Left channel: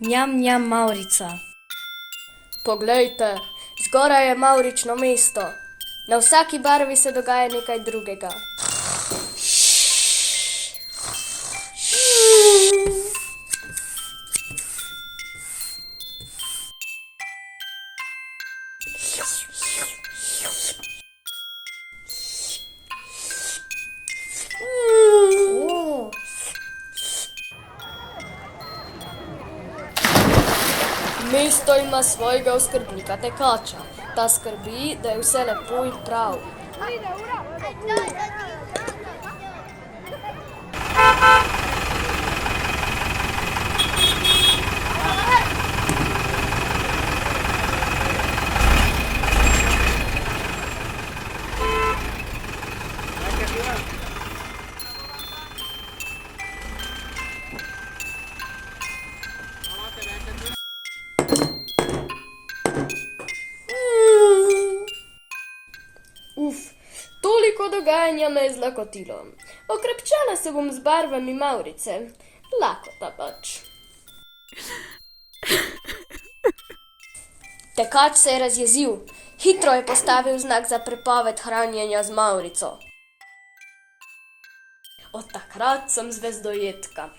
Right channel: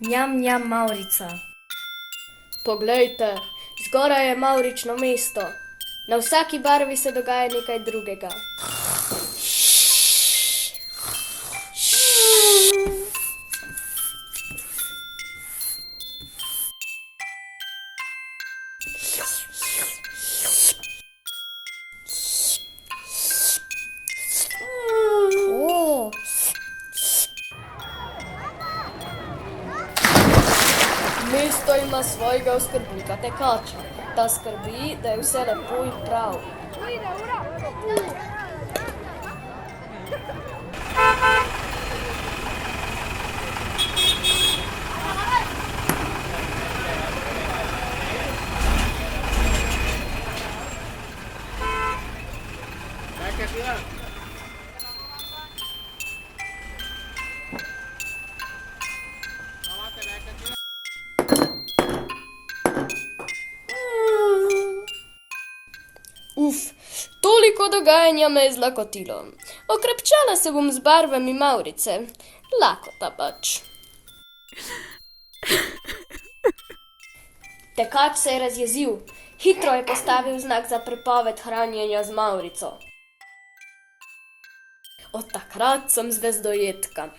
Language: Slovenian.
Njam, njam, Mavrica. Poglejte, zgoraj je mavrično mesto. Na vsaki barvi se dogaja nekaj drugega. O, Mesto ima svojega oskrbnika tekača. Ta skrbi, da je vse lepo in prav. Uf, toliko dogajanja me je zlakotilo. Okrepčala se bom z barvami Mavrice. Lakota pač. Tekač se je razjezil. Hitro je postavil znak za prepoved hranjenja z Mavrico. Od takrat sem zvezdojedka.